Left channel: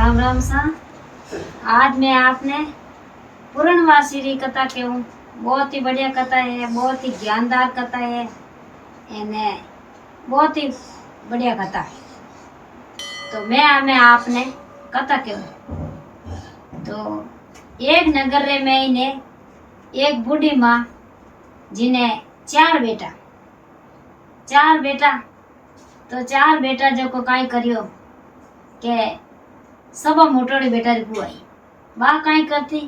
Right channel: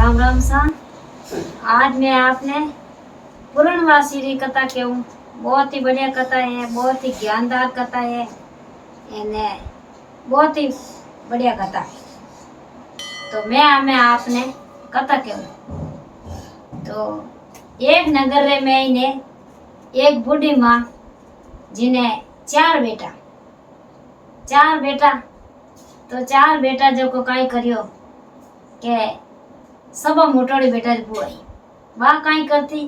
राम राम सा। आज मैं आपने पूर्णवासी री कथा कहूँ। बहुत ही बढ़िया कथा है, बहुत ही ज्ञानदार कथा है, इन्हें बहुत ही बढ़िया कथा है। तो मैं आपने कथा कहूँ। तो एक नगर रे में इन्हें एक बूढ़ी माँ जिन्हें चार बेटा जो को काई करियो के सब मोटोड़ी बेटा री बुआई बा काई करती,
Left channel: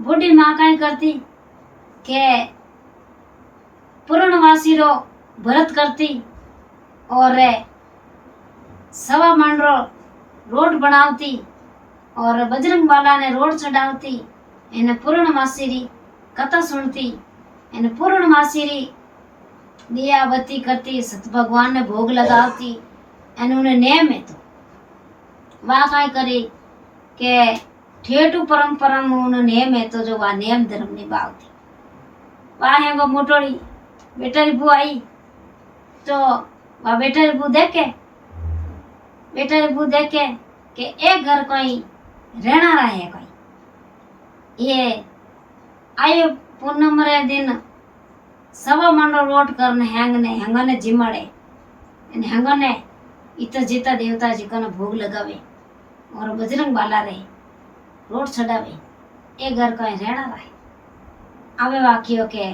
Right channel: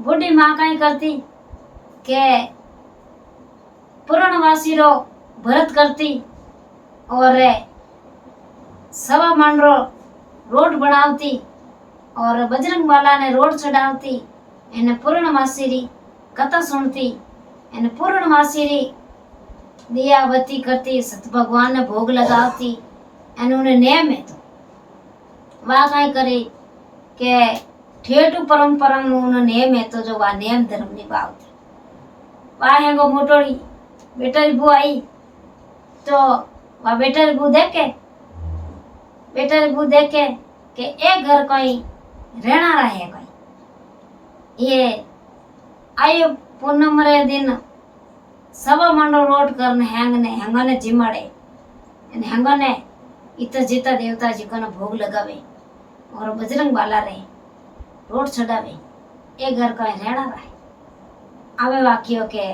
बूढ़ी माँ काई करती के पूर्णवासी रो भरत करती और सवा मन रो रोड बनावती और बजरंग बाला ने रोड चढ़ावती। इन पूर्णमासी री कथा सुनती, इन पूर्णमासी री दिया बत्ती करती, सत भगवान ने भोग लगावती। एन उन्हें नेम है तो वह काई करे के ठेठू परंपरा में उन्हें नेम है तो जो वह नेम धर्म निभावती। वह है वो मोटोड़ी बेटा री बू आई तो वह बेटा री बू देखे के एक घर कोई रहना रहे कोई ये आयो पूनम रे दिन सवा मंडो रोड करने हैंगने जिमाड़े हैंगने इत जीता देवता जी को भोग लगावे और बजरंग बाला रे रोड चढ़ावे। एक घर का रहना रहे आवे वाक्यो के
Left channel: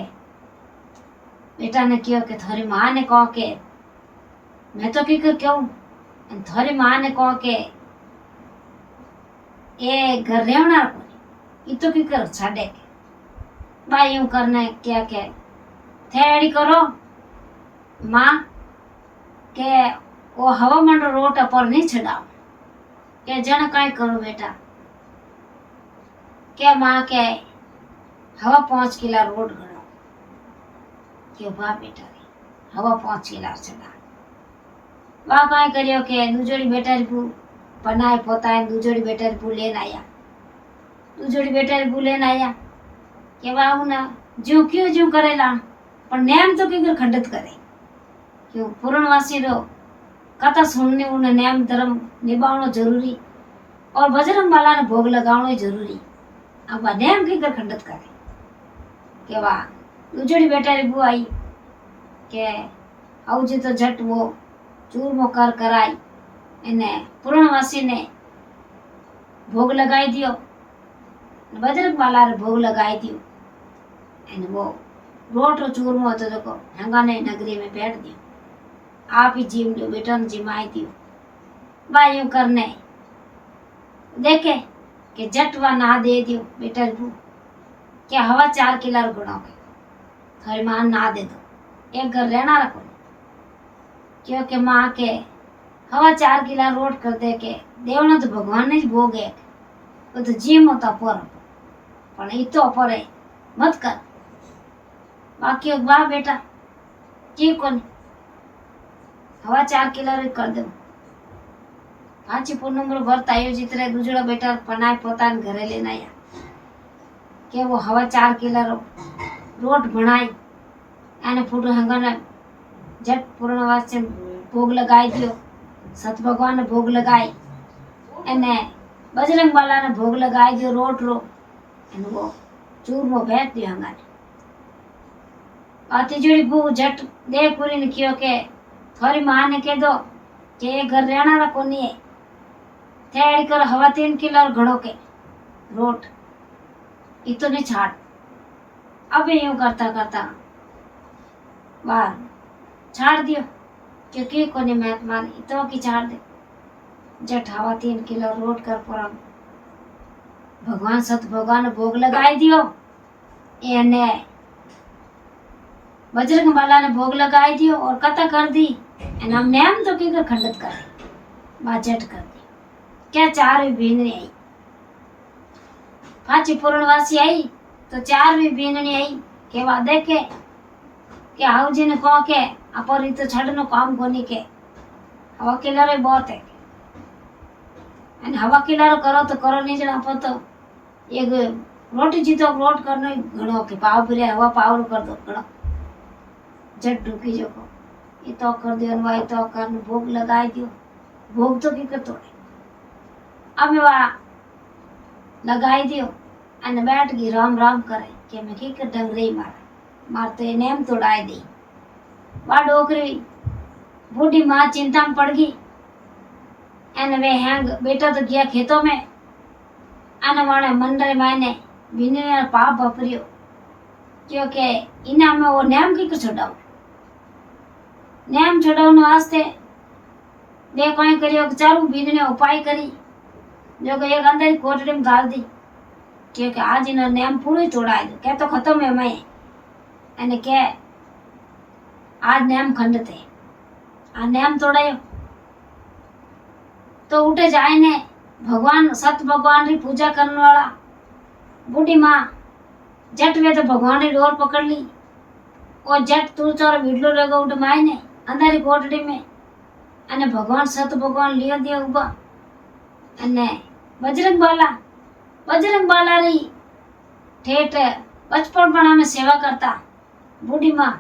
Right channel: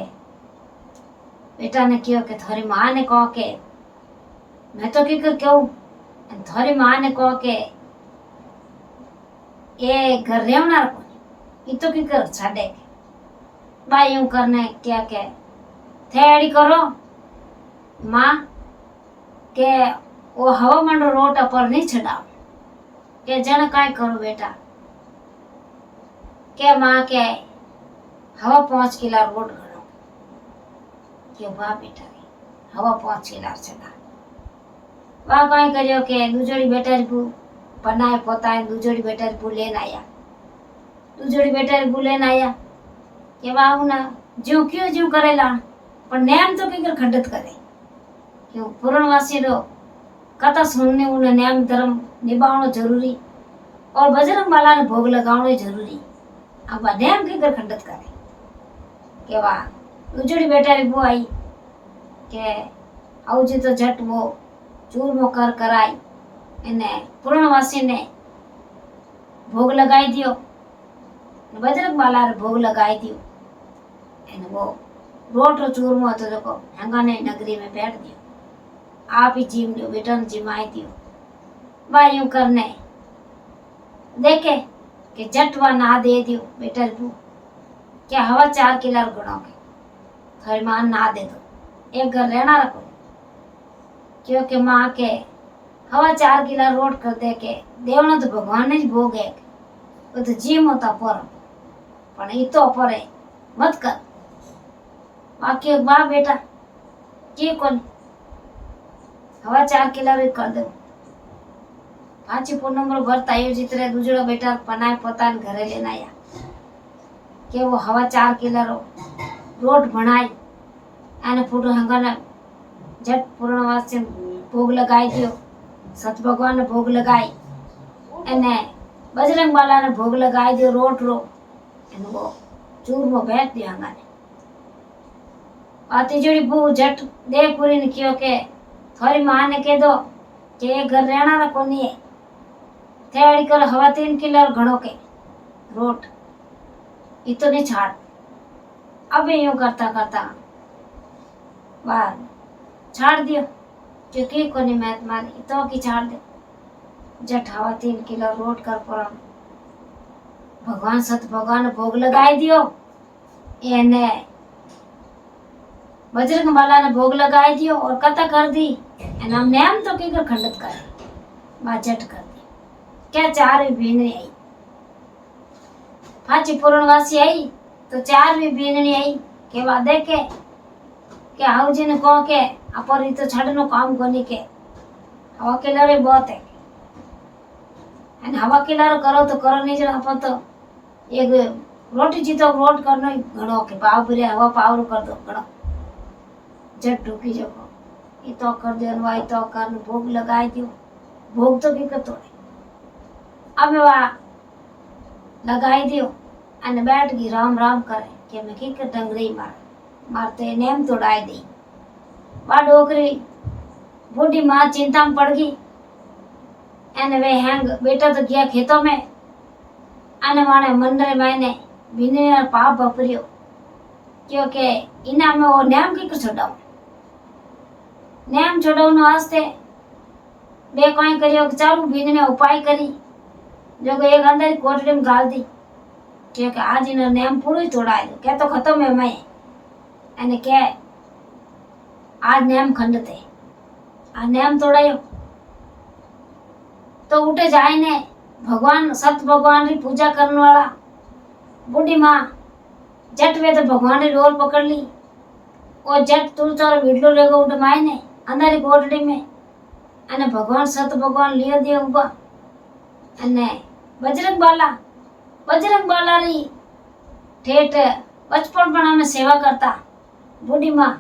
बेटा ने क्यों के थारी माँ ने कहो के मैं तो की कर क्यों थारी माँ ने कहो के ये घर रहना रखो तो की कर छाड़े के भाई यूं करने क्या के थेड़ी करो माँ के वो हवा मंडो रोड पर नहीं चढ़ाओ के जन काय करो बेटा के माँ के हवा 5 किला रोड घड़ो के वाह बेटा रे हवा 5 किला चढ़ा वाह काय करियो के दूजोड़ी बेटा री बू बनाए पोताए दूजोड़ी बेटा री बू लेन आया के वाह ना जो क्यों करेला पर नेम तो की खंडित करे क्यों पूर्णवासी रो कथा सुनने उन्हें नेम धर्म निभावनो जरूरी और बजरंग बाला ने भोग लगावनो जरूरी। अब नेम की खंडित करे के वाह दूजड़ी बेटा री बू आई के आउजी तो झट वो चूरमो कर कराई इन्हें पूर्णवासी ने भोग लगाई दियो, बजरंग बाला रे भोग लगाई दियो। इन वो रोट रो चूरमो तो देखो हंगाने नगरी में बैठ दियो आप ही जीव लो बेटा ने जिमाई दियो। भाई यूं करने देखे कि जटवा ना दे दियो बेटा बू क्या हवा 4 किला गुणों के थोड़ी मां ना दे दो एक घर रहना रखो क्योंकि माँ के हवा 4 किला रोड कर दे के देवनो तो भगवान ने भोग है वो तो जीम होता पर इतो पर मत कर बाकी माँ बेटा की कोनी हवा 4 किला रो कर दो पांची पूनम रो व्रत आयोजित रहे दूजड़ो बेटा पनाए पोतान घरे लेना आया के वो हवा 4 किला रो रोड बनाई आने फूट हंगाना जट पूर्णवास से भोग लगाई दियो। सत भगवान ने भोग लगाई एने बजरंग बाला ने भोग लगाई दियो रोट रो एने वो चूरमो बैठ दियो हंगाने आती जोड़ी बू जट देवपुरी ने कियो के थोड़ी माँ ने कह दो कि घर रहना ना कोनी है थेड़ी कर हवा 3 किलो घड़ो के रोट इतो नहीं छाड़। अब यूं करता बाहर छाड़ दियो क्योंकि कोनी मैं तुम्हारी इतो की छाड़ दे जट हवा 3 किलो रोट कर पुरम भगवान सत भगवान भोग लगाई दियो एने बजरंग बाला ने भोग लगाई दियो और कथा कर दी एन हम नेम तो की खंडित करे बाजट कर दी क्या 4वीं बीननी आई पांची पूर्णवासी आई तो 4वीं बीननी आई के बाद देखे के हाउजी ने कहो के अपर तो छड़नो काम कोनी के हवा किलर बहुत है एन हवा किलर करो तो करो नहीं जरा अपन तो एक रोटी जीतो रोट करनो घड़ो के पाव पूरे हवा पावर कर दो घड़ो जट ढूकी जो को ये तो कर दे अनुवाई तो कर भोग लगाई दियो भोग तो की कर तोड़े अब वहाँ लगाई दियो अने बैठ गई राम राम करे कि मैं की कर डंगरी मार तो ये नेम तोड़ाई दी। वह डोकरी बूढ़ी माँ चिंता में पड़ गई एने वे हैंग बेटा तो गया खेतों में अने वाणे मन रे मैंने बिने पाप वापरियो क्योंकि इना में वो नेम की कर छोड़ाऊ नेम छोड़ाऊ वास्ते बे कोई करियो कि चालू बीन ने उपाय करी जो कि एक अंदर कोटड़ी में गाल दी क्योंकि आज इनो नेम पूरी तोड़ाई दो क्या तो खत्म है मैं अने के आज नेम खंड थे आ नेम तोड़ायो तो उठे जाए ने भगवान सत भगवान री पूजा करने वाला बूढ़ी माँ जट वे तो भगवान री डोर पकड़ ली और जट तुलचोर वीडलो रेगो उठ माए ने अंदर कोटड़ी में अने भगवान सत भगवान लियो दियो उबा अने बजरंग बाला री ठेठ बचपन पणा में सेवा करता बूढ़ी माँ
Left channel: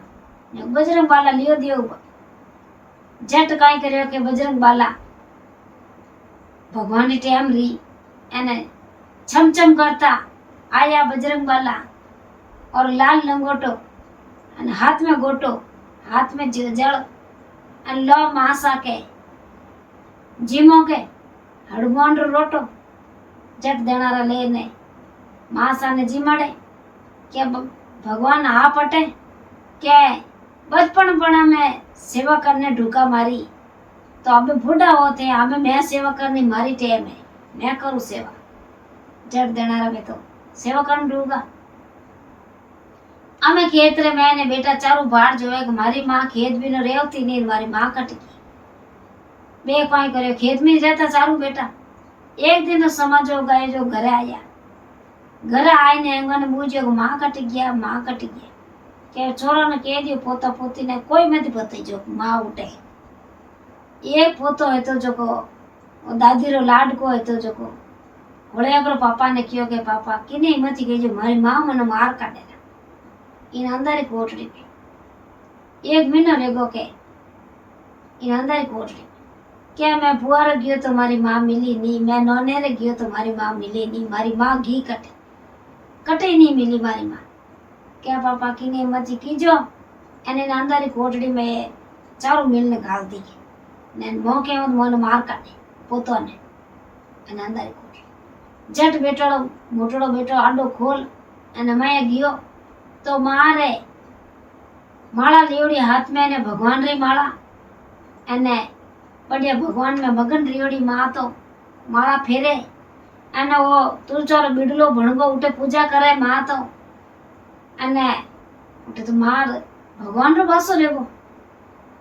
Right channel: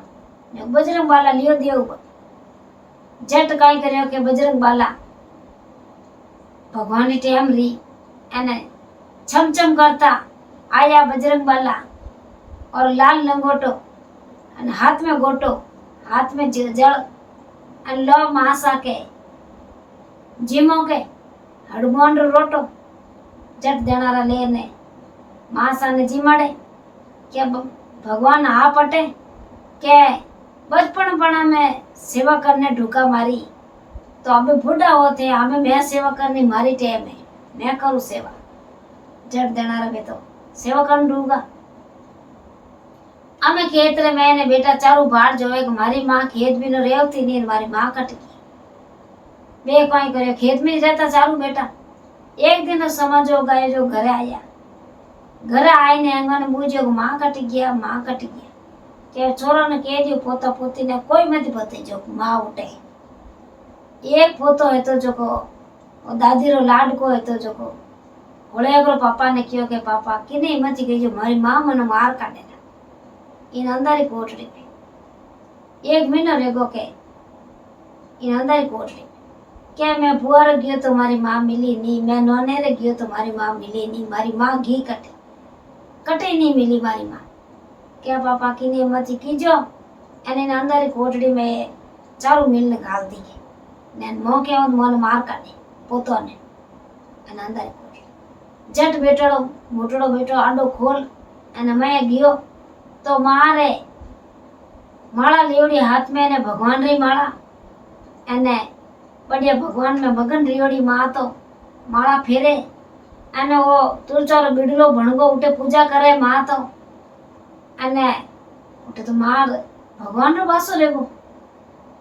बजरंग बाला लियो दियो उबा जट काई कर्यो के बजरंग बाला भगवान री टेम री अने छम छम करता आया बजरंग बाला और लाल लंगोटो अने हाथ में गोटो हाथ में जल अने लो मासा के जीमो के हड़मोन रो रोटो जट देनारा लेने मासा ने जीमाड़े के भगवान आ पटे के बचपन पणा में सेवा करने ढूका मारी तो अबे बूढ़ा होते अबे मैं सेवा करनी मारी टेम है मैं करूँ सेवा जट देनारा बे तो सेवा करने ढूंगा अमे खेत रे मैंने बेटा चारू बाहर जो है मारी माँ खेत भी न रेवती नहीं मारी माँ कट गई बे कोई करे खेत में रहता चारू बेटा एक दिन समझो गए जो घरे आया घर आए ने अंगन बूझो माँ कट गया के छोरो ने कह दियो पोता पोती ने कोई मत बता जो माँ उठे एक पोतो है तो जो को दादी रो लाड को है तो जो को होड़े ओकरो पापा ने कहो के पापा किने हिम्मत गई जो मारी माँ मने मार काटे इन अंदर ही कोठड़ी में एक महीनो रेगो के इन अंदर ही कोठड़ी क्या मैं बुआ रे गयो तो मारी माँ मिली नहीं मैं नोने रे गयो तो मारी माँ मिली नहीं मारी माँ घी कटे नहीं मिली मारी माँ क्या पापा की ने मत कीजो एने अंदर ही कोठड़ी में चारू मिल ने घाल दी ने मो के मोन मार काटे पोतो ने एने अंदर ही कोठड़ी जट बेटड़ो मोटड़ो बेटो आडो खोल एने मैं गयो तो मारे माला लियोड़ी हाथ में ने भगवान री माला एने बढ़िया भगवान में मगन रियोड़ी माँ तो माला फेरे अने वो तुलचोर बिडलो भणगो उठे पूजा करे माँ तो अने उठे तो मार भगवान रो पासो लेगो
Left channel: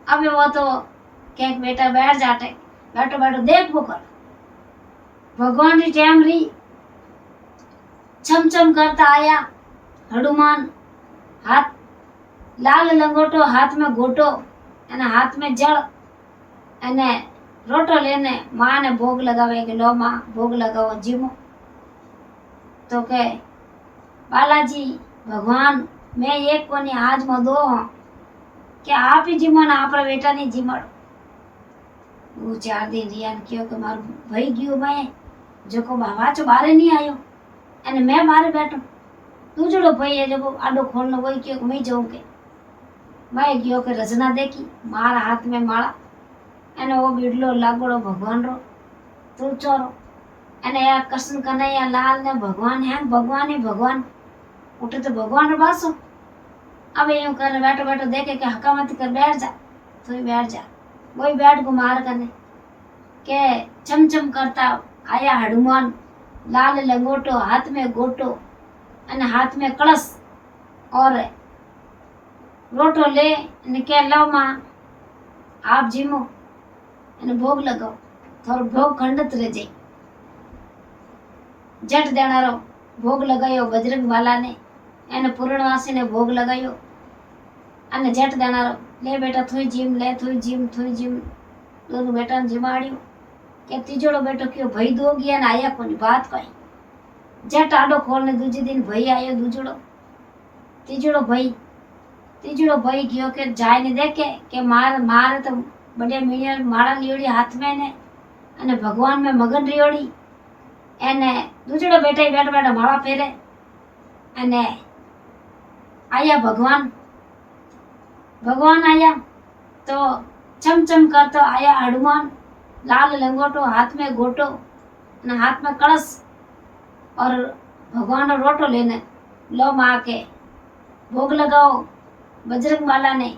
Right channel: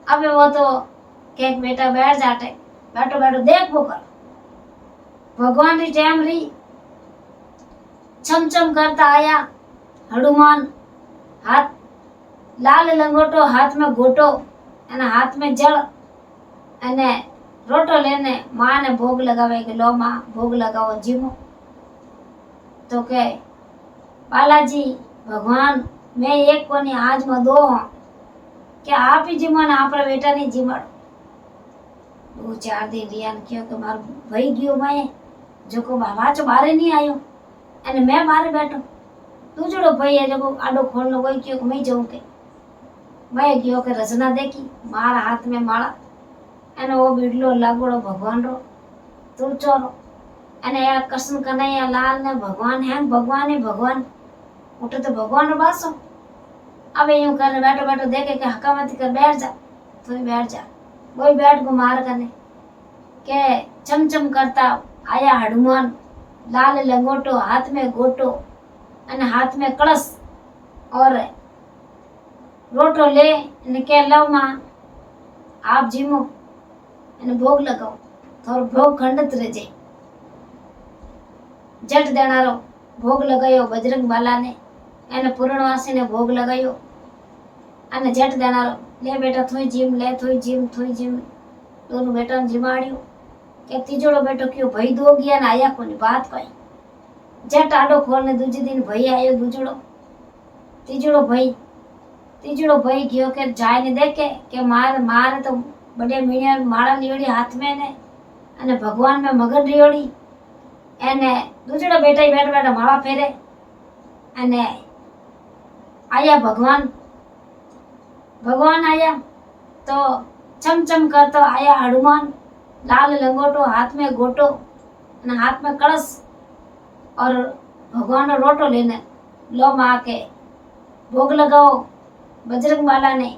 अबे वो तो के बेटा बैठ जाटे बैठो बैठो देख वो कर भगवान री टेम री छम छम करता आया हनुमान हाथ लाल लंगोटो हाथ में गोटो अने हाथ में जल अने रोटो लेने माँ ने भोग लगावे के लो माँ भोग लगाओ जीमो तो के बालाजी भगवान मैं एक कोनी आज में दो हूँ क्या आप ही जीमो ना आप बेटा नहीं जीमड़ 2-4 दिन रियान क्यों के मार भाई गयो मैं जो को वाचो बारे नहीं आयो अने मैं बारे बैठो तू जोड़ो भाई है जो आडो खोलनो वही क्यों मैं जाऊं के मैं गयो के रचना देखी मार हाथ में माला अने वो बीडलो लागोड़ो भगवान रो तुलचोरो अने या कृष्ण कन्हैया लाल ने भगवान है भगवान ही भगवान उठे तो भगवान रो बासो अब यूं कर बैठो बैठो देखे के हकामत कर बैठ जा तो ही बैठ जा वही बैठ को मार करने के चमचम करता आया हनुमान लाल लंगोटो हाथ में गोटो अने हाथ में कलश और रोटो ले के लो माँ आप जीमो एने भोग लगाओ थोड़ो भोग खंडित रह जाए जट देनारो भोग लगायो बजरंग बाला ने एने पूर्णवासी ने भोग लगायो अने जट देनारो ले बेटा थोई जीम ले थोई जीम दोनों बेटा ने जिमाड़ियो के तीजोड़ो बेटो क्यों भाई दो गया ना आया कोनी बात कोई जट आडो खोलने दूजे दिन भाई आयो तीजोड़ो भाई गयो के जाय ने देखे के मार तो बढ़िया मीणिया माला लियोड़ी हाथ में ने अने भगवान में मगन रियोड़ी એને દૂધડા બેઠા બેઠા બેઠા માળા ફેરે અને આયા ભગવાન आया तो चमचम करता आया हनुमान लाल लंगोटो हाथ में गोटो और हाथ में कलश और भगवान रोटो लेने लो माँ के भोग लगाओ बजरंग माला ने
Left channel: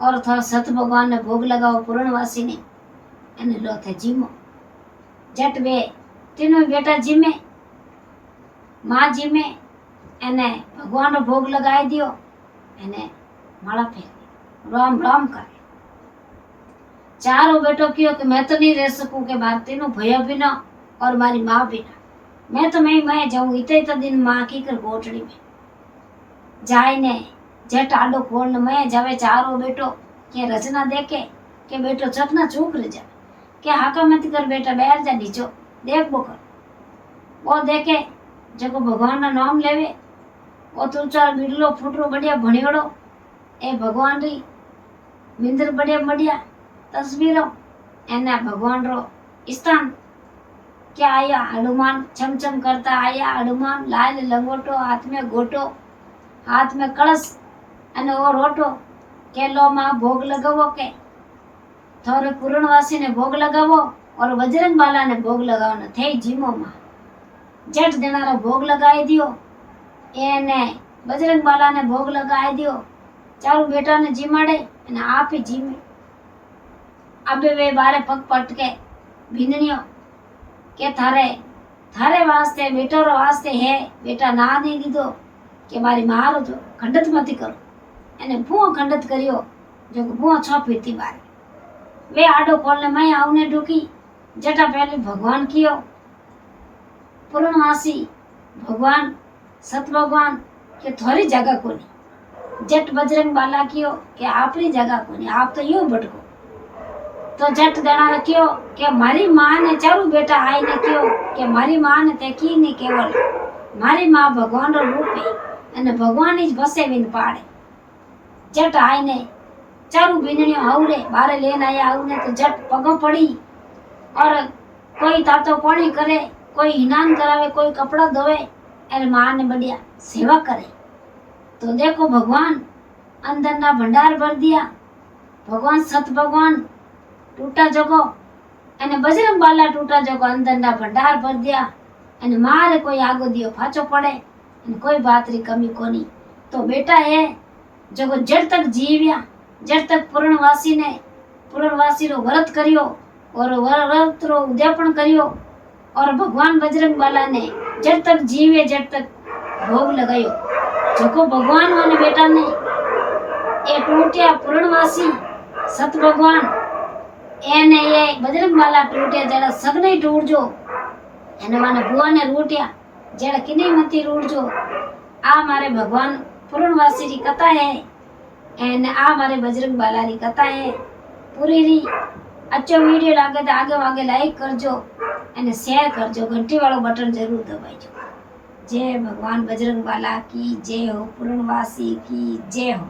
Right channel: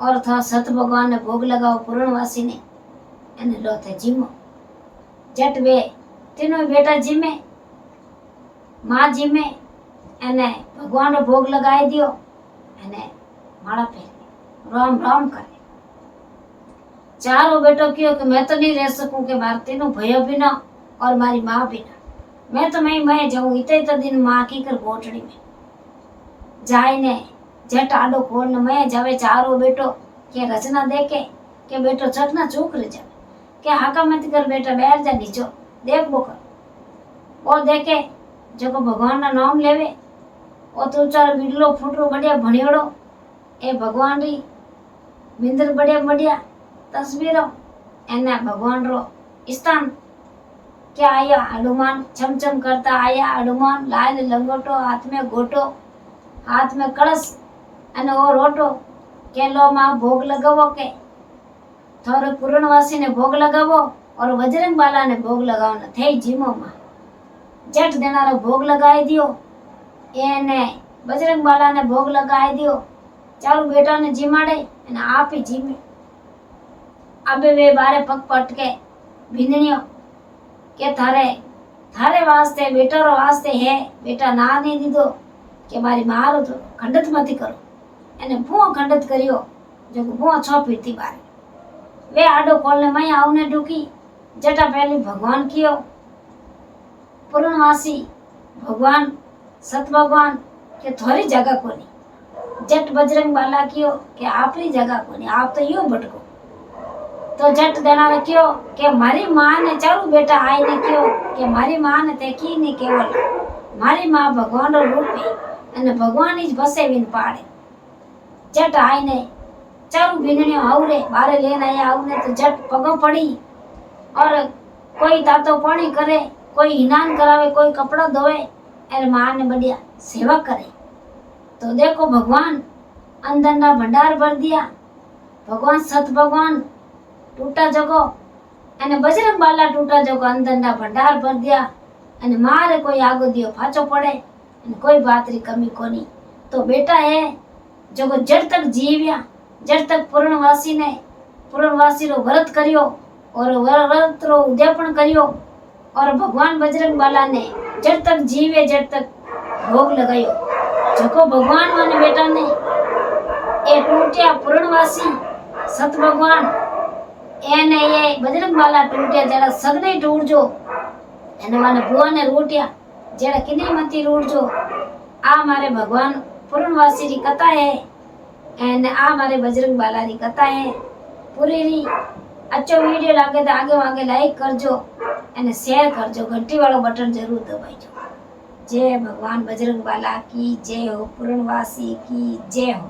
और था सत भगवान ने भोग लगाओ पूर्णवासी ने અને લો તે જીમો જટ વે तीनों बेटा जीमे माँ जीमे એને ભગવાનનો ભોગ લગાવી દો અને માળા ફેરી राम राम करे चारों बेटो क्यों कि मैं तो नहीं रह सकूं कि मारे तीनों भैया बिना और मारी माँ बिना मैं जाऊं इतने दिन माँ की कर गोटड़ी में जाए ने जट आडो खोल मैं जावे चारों बेटो के रचना देखे के बेटो चकना चूक रह जावे के हाका मत कर बेटा बैठ जा नीचो देख वो कर वो देखे जो भगवान ना नाम लेवे वो तो चार बिडलो फूटरो बढ़िया भणियोड़ो ए भगवान री मिंदर बढ़िया बढ़िया तस्वीरों एना भगवान रो स्थान क्या आया हनुमान चमचम करता आया हनुमान लाल लंगोटो हाथ में गोटो हाथ में कलश अने वो रोटो के लो माँ भोग लगावो के थोड़े पूर्णवासी ने भोग लगावो और बजरंग बाला ने भोग लगावो थे जीमो माँ जट देनारो भोग लगाई दियो एने बजरंग बाला ने भोग लगाई दियो चारू बेटा ने जीमाड़े અને આપે જીમે આબે વે બારે પગ પટકે ભીંદણીઓ કે થારે વાસ્તે બેટારો વાસ્તે હે બેટા ના નહીં દીધો કે મારી મારો તો ખંડત મતી કરો એને ભૂ ખંડત કર્યો જો ભૂ છ પીતી બારે वे आडो खोलने मैं आवने ढूकी जटा पहले भगवान कियो पूर्णवासी भगवान सत भगवान के थोड़ी जगह कोनी जट बजरंग बाला कियो के आपरी जगह कोनी आप तो यो भटको तो जट देना क्यों के मारी माँ ने चारू बेटा आई ने क्यों के मारी माँ ने ते की नहीं केवल मारी माँ भगवान रो रूप है अने भगवान ही बसे विन पाड़े जट आई ने चारू बीनणियों आवरे बारे लेन आया आवने तो जट पगो पड़ी और कोई तातो पानी करे कोई हिनान करावे कोई कपड़ा धोवे अरे माँ ने बढ़िया सेवा करे तो देखो भगवान अंदर ना भंडार भर दिया भगवान सत भगवान टूटा जगो अने बजरंग बाला टूटा जगो अंदर ना भंडार भर दिया अने मारे कोई आगो दियो फाचो पड़े अने कोई बात री कमी कोनी तो बेटा है जो जड़ तक जीव्या जड़ तक पूर्णवासी रो व्रत करियो और व्रत रो उद्यापन करियो और भगवान बजरंग बाला ने जड़ तक जीवे जड़ तक भोग लगायो जको भगवान माने बेटा ने ए टूटिया पूर्णवासी सत भगवान एने ये बजरंग बाला टूटिया जड़ा सगने टूट जो एने माने बुआ ने रूटिया जड़ा किने मती रूट जो आ मारे भगवान पूर्णवासी री कथा है एंड आ मारे बजरंग बाला री कथा है पूरी री अच्छो वीडियो लागे तो आगे वागे लाइक करजो एंड शेयर करजो घंटी वालो बटन जरूर दबाइजो जय भगवान बजरंग बाला की जय हो पूर्णवासी की जय हो।